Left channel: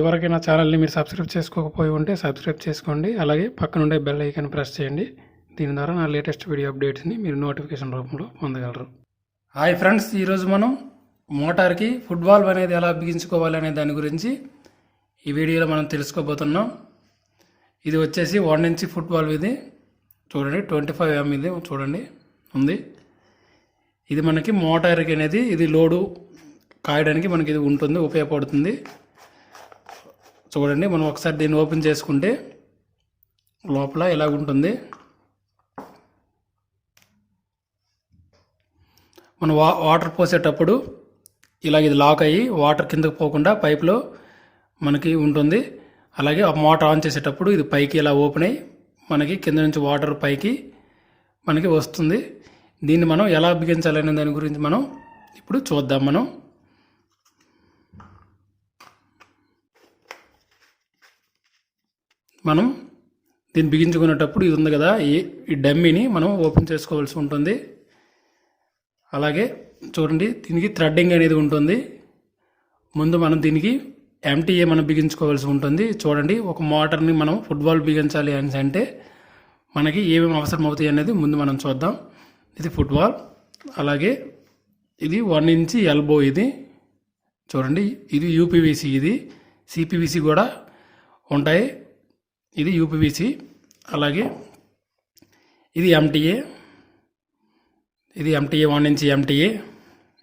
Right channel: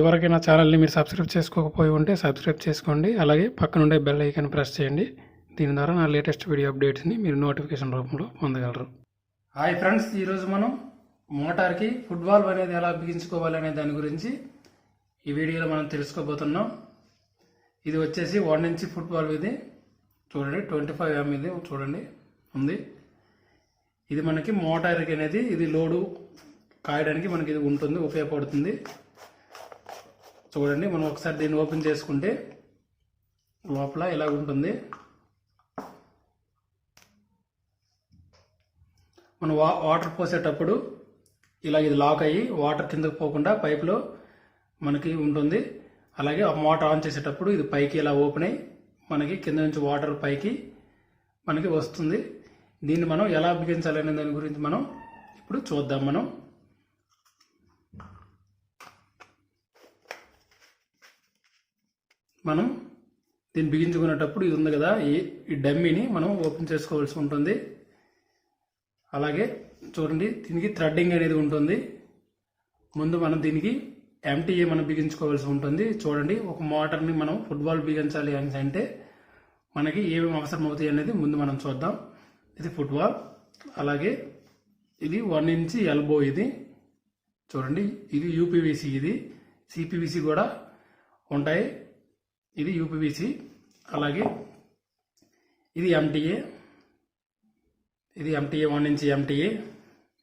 ఇదివరకు నా ఛానల్ని మీరు సబ్స్క్రైబ్ చేసుకోకపోయి ఉంటే సబ్స్క్రైబ్ చేసుకోండి. అలాగే పక్కన ఉండే బెల్ ఐకాన్ ప్రెస్ చేయండి. దీని ద్వారా నా లేటెస్ట్ వీడియో అప్డేట్స్ని మీరు నోటిఫికేషన్ రూపంలో పొందగలరు. హాయ్ ఫ్రెండ్స్, ఈరోజు మనం మోటార్కి ఫుట్ వాల్వ్ అనేది ఎలా బిగించుకోవాలి అనే దాని గురించి ఈ వీడియోలో మనం తెలుసుకోబోతున్నాం. ఇది వచ్చేసి 1 ఇంచ్ ఫుట్ వాల్వ్. ఇది చూడండి 25 mm ఇది చూడండి ఉంది. ఇది మనకి మోటార్కి అనేది ఇది లోడు కాయడానికి మనకి ఇది ఉంటుంది, ఉపయోగపడుతుంది. చూడండి, మనం ఒకసారి దీన్ని ఓపెన్ చేసుకుంటే లోపల ఇలా ఉంటుంది. మనం వాటర్ పోసేటప్పుడు ఇలా ఇది లాక్ అయ్యి వాటర్ కిందకు పోకుండా పైప్లో మనకి ఉంటుంది. అలాగే ఆ మోటార్ ఆన్ చేసేటప్పుడు ఇది పైకి ఇలా ఓపెన్ అయ్యి మనకి కింద నుంచి వాటర్ పైకి మనకి వస్తుంది. దీన్ని మనం ఎలా బిగించాలనే దాని గురించి మనం ఇప్పుడు చూద్దాం. మనం దీన్ని బిగించుకునేటప్పుడు ఇది ఉంది కదా, ఈ డమ్మీని మనం ఓపెన్ చేసుకోవాల్సి ఉంటుంది. అలాగే చూడండి, దీనికి థ్రెడ్డింగ్ అనేది ఉంటుంది. ముందు మనం దీనికి ఎంటీఏ మనం బిగించుకోవాల్సి ఉంటుంది. చూడండి, ఒక మోటార్ని మనం ఫుట్ వాల్వ్ బిగించాలి అని అంటే మనకి ఏమేమి అవసరం అవుతాయి అనేది ముందు మనం చూద్దాం. ఇది ఫుట్ వాల్వ్, అలాగే ఇది 1 ఇంచ్ ఎల్బో. ఇది చూడండి, ఇది యూపీవీసీ, ఇది సిపివిసి కూడా ఉంటాయి. ఇది యూపీవీసీ. అలాగే ఇది ఎంటీఏ, ఇది ఎంటీఏ 1 ఇంచ్ ఎంటీఏ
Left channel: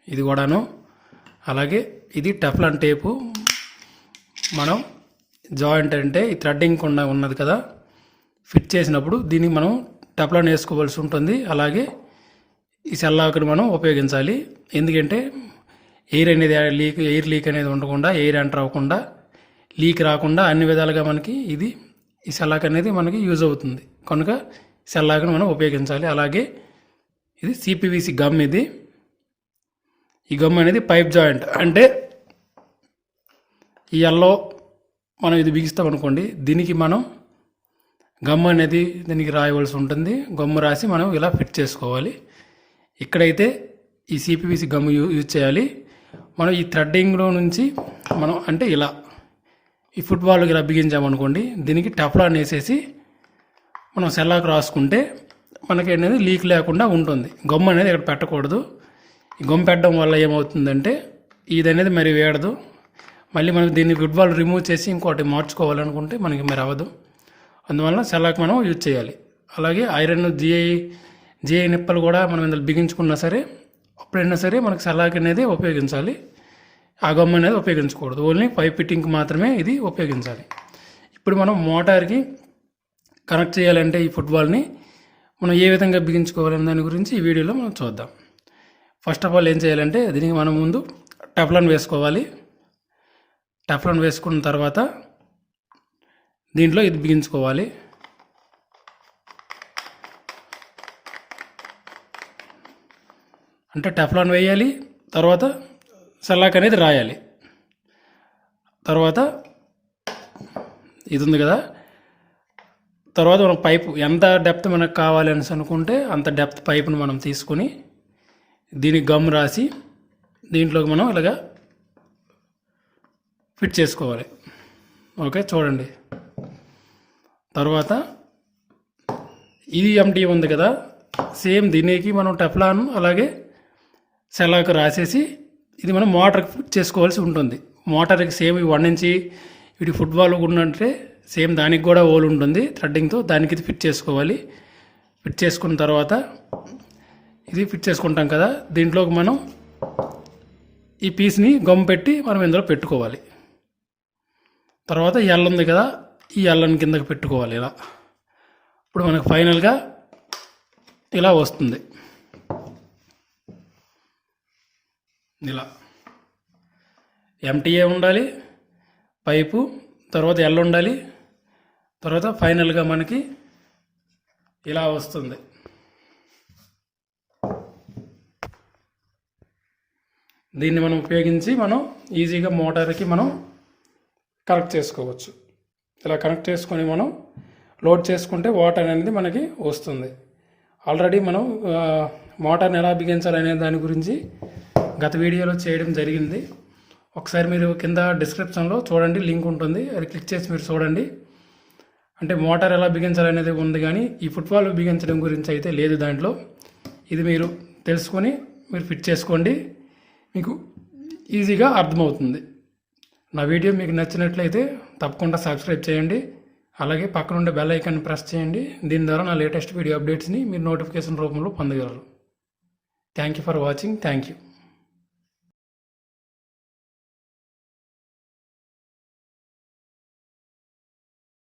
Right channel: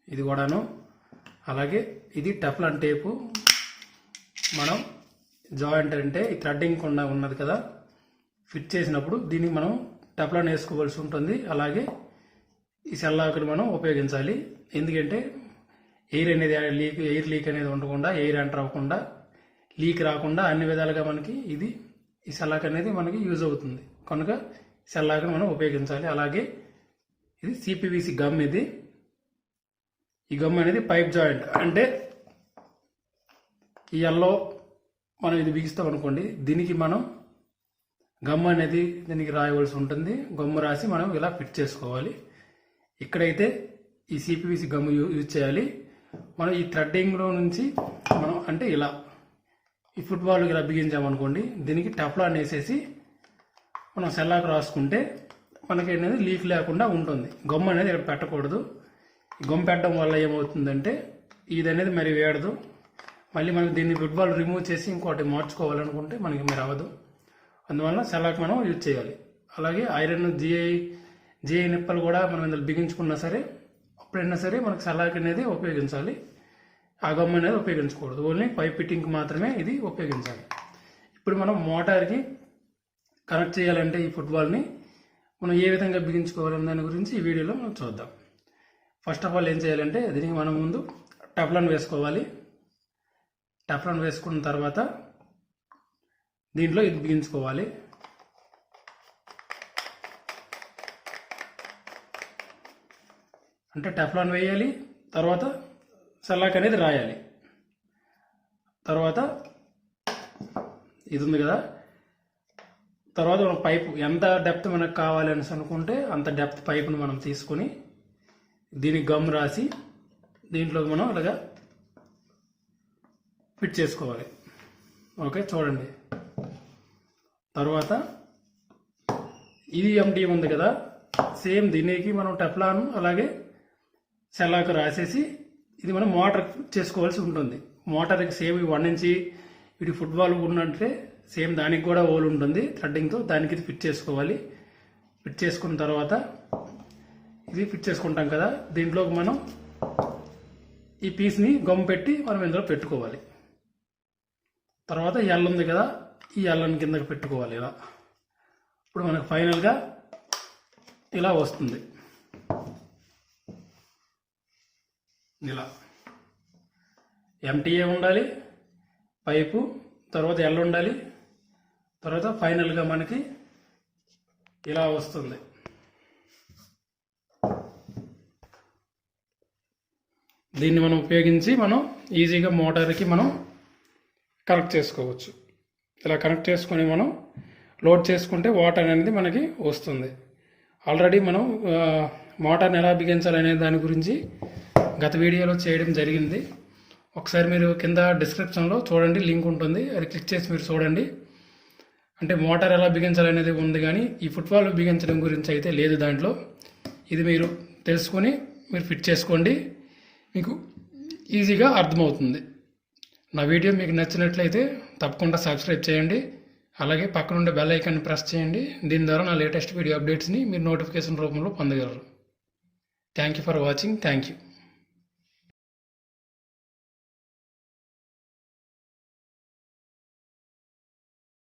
ఇది కూడాను. అలాగే ఇది టెఫ్లాన్ టేపు. మనం జాయింట్ అంటే ఈ థ్రెడ్డింగ్ ఉన్నది కదా, ఫిట్ చేసినప్పుడు దీనికి మనం టెఫ్లాన్ వేసుకోవాల్సి ఉంటుంది. అలాగే ఈ సెల్లాకుని మనం ఉపయోగించాలి. ఎందుకంటే ఎయిర్ లీక్ అనేది ఉండకుండా, ఎయిర్ ఎంటర్ అవ్వకుండా, లీక్ రాకుండా అన్ని విధాలుగా మనకి ఇది ఈ సెల్లాక్ అనేది మనకి యూజ్ అవుతుంది. కనుక సెల్లాకుని మనం ఉపయోగించాలి. అలాగే ఇది సిపివిసి గమ్. ఇది ఈ గమ్ అనేది పైప్ జాయింట్. అంటే ఈ ఎల్లో మనం ఇది బిగిస్తాం అనుకోండి, దీనికి మనం గమ్ అనేది దీనికి రాయవలసి ఉంటుంది. గమ్ము రాసి మనం ఇలా ఫిట్ చేసుకోవాలి. ఇక్కడైతే ఈ సిపివిసి గమ్ యూజ్ చేయాలి. మనం ఈ థ్రెడ్డింగ్లో నుంచి మనం అంటే ఇలా ఈ ఫుట్ వాల్వ్కి ఇలా బిగించామనుకోండి, దీనికి టెఫ్లాన్ వేసేసి మనం సెల్లాకు రాసుకుంటే మనకి అనేది లీక్ లేకుండా ఉంటుంది. గమ్ అనేది ఇక్కడ పెట్టకూడదు. ఈ గమ్ పెట్టడం వల్ల ఏమవుతుందంటే ఇది అనేది మరి వేడదు. మళ్ళీ మనం దీన్ని ఫుట్ వాల్వ్ రిమూవ్ చేసి ఇంకోటి మార్చుకోవాలనుకుంటే మనకి మరి అవ్వదు. అందువల్ల సెల్లాకు మనం యూజ్ చేయాలి. అలాగే ఐరన్ జిఐ నిప్పలు కూడా మనం ఇందులో బిగించుకున్నా సరే, అప్పుడైనా సరే మనకు సెల్లాక్ అనేది ఉపయోగించాలి. ఆ గమ్ అనేది ఉపయోగించకూడదు. ఓన్లీ పైప్ ఫిట్టింగ్కి మాత్రమే ఇది ఉపయోగించాలి. ఇప్పుడు మనం మోటార్కి కనెక్ట్ చేయాలంటే ఈ ఫుట్ వాల్వ్ని మనం ఏ విధంగా బిగించుకోవాలనే దాని గురించి ఈ వీడియోలో మనం చూద్దాం. ఫస్ట్ ఆఫ్ ఆల్ ఏం చేయాలంటే దీనికి మనం ముందు టెఫ్లాన్ వేసుకోవాలి. టెఫ్లాన్ వేసుకున్న తర్వాత దీంట్లో ఇది బిగించుకోవాలి. అంటే టెఫ్లాన్ వేయాలి, తర్వాత సెల్లాక్ అనేది రాయాలి. తర్వాత ఇది ఉంది కదా, తర్వాత మనం పైపు ఎంత డెప్త్ మనకు కావాలి అని అనుకుంటే అంత డెప్త్ పైపును మనం తీసుకొని దీనికి గమ్ రాసి దీంట్లోకి మనం ఇలాగా ఫిట్ చేసుకోవాలి. ఓకే, చూడండి. తర్వాత ఇది ఎంటీ ఉంది కదా, సేమ్ దీనికి మనం టెఫ్లాన్ అలాగే సెల్లాకు రాసేసి ఇది మనం మోటార్కి ఫిట్ చేసుకోవాల్సి ఉంటుంది. మోటార్కి సేమ్ 1 ఇంచ్ వీటి ఫుట్ వాల్వ్ ఉన్నట్టే సేమ్ దానికి కూడా హోల్ ఉంటుంది థ్రెడ్డింగ్తో. దానికి ఇది ఫిట్ చేసుకోవాలి. ఫిట్ చేసుకున్న తర్వాత ఇది ఫిట్ చేసుకుంటాం కదా, దీంట్లోకి మనం ఈ పీస్ని గమ్ పెట్టి మనం ఇందులో పెట్టుకోవాలి. తర్వాత ఎల్ ఉంది కదా, ఈ ఎల్లని కిందకి పెట్టుకోవాలి ఇలా. ఇప్పుడు మనకు ఫైనల్గా ఇలా వస్తుంది. ఇలా ఎంటీఏ ఉండాలి, పైపు, తర్వాత ఎల్ ఉండాలి, తర్వాత ఫైనల్గా మనకి ఇలా వస్తుంది. దీన్ని మనం ఉపయోగించి మనం ఈజీగా మోటార్కి మనం కనెక్ట్ చేసుకోవచ్చు. ఇలా కనెక్ట్ చేసుకొని మనం లోడ్ చేసుకుంటే వాటర్ అనేది మనకి వస్తుంది. ఆల్రెడీ మనం మోటార్ని ఎలా బిగించాలనే దాని గురించి గత వీడియోలో చేయడం జరిగింది. ఒకసారి మీరు కింద డిస్క్రిప్షన్లో చూడండి, లింక్ ఉంటుంది, అది క్లిక్ చేసి మీరు చూడండి. అంటే మోటార్ ఎలా బిగించాలనేది ఉంది, కానీ ఈ ఫుట్బాల్ బిగించడం గురించి అయితే లేదు దాంట్లో. ఇది మీరు తెలుసుకొని మీరు ఫిట్ చేసుకోండి, మీకు ఈజీగా అర్థమవుతుంది. నా వీడియో మీకు నచ్చినట్లయితే తప్పకుండా సబ్స్క్రైబ్ చేయండి, అలాగే పక్కన ఉండే బెల్ ఐకాన్ని ప్రెస్ చేయండి. దీని ద్వారా నా లేటెస్ట్ వీడియో అప్డేట్స్ని మీరు నోటిఫికేషన్ రూపంలో పొందగలరు. Thank you for watching. Thank you.